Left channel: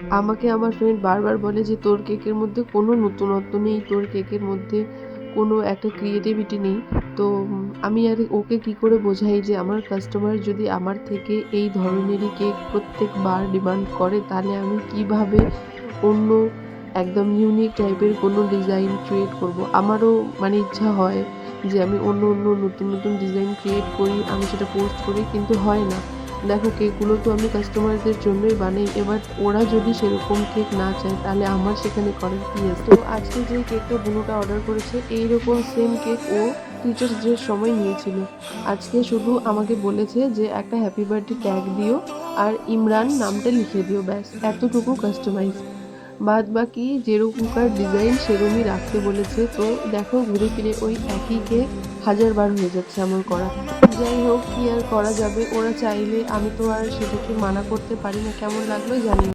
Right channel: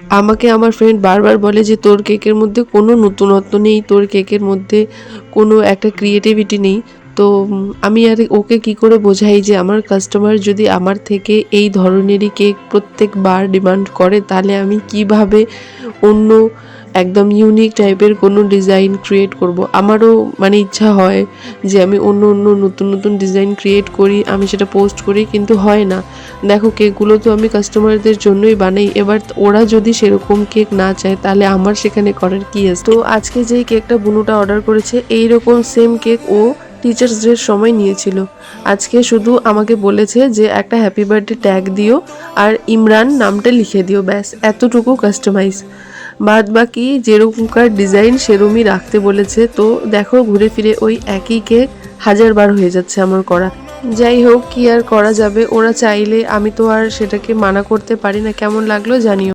আমাকে আমার ফ্রেন্ড বারবার বলে যে তোর কেকের মধ্যে কোনো নতুনত্ব নেই, তোর কেকের মধ্যে কোনো একটা ক্রিয়েটিভিটি নেই। তো আমি আর ওকে কি করে বোঝাই যে আমার কাস্টমার যদি আমার থেকে এই ধরনেরই কেক প্রত্যেকবার ডিমান্ড করে, তাহলে আমি কিভাবে অন্য একদম ইউনিক টাইপের কোনো ডিজাইন ক্রিয়েট করব। আমারও মানে ইচ্ছা হয় যে আমি অন্য অন্য নতুন নতুন ডিজাইন ক্রিয়েট করি, আমি সেটা পোস্ট করি, কিন্তু হয় না। দেখো কেকগুলো তো আমি কাস্টমারদের জন্যই বানাই, এবার ওরা যদি সেরকম কেক না চায় তাহলে আমার সেখানে করার কি আছে। তো আজকে যেই কেকটা বুনুটা অর্ডার করেছে এইরকম সেম কেক ও টিচার্স ডের সময় নিয়েছিল। আজকে শুধু আমাকে বলেছে যে একটা হ্যাপি বার্থডে ট্যাগ দিও আর ইমরান নামটা লিখে দিও, ব্যাস এতটুকু কাস্টমাইজ। বাদ বাকি যেরকমকার ডিজাইন সেরমই রাখতে বলেছে। তো দেখো ঘুরে ফিরে ওই একই কেক হাজারবার হয়ে যাচ্ছে আমার করা। যাই হোক, কি আর করা যাবে, ওরা চাইলে, আমি তো আর সেটাকে মানা করতে পারি না। কেমন লাগলো জানিও।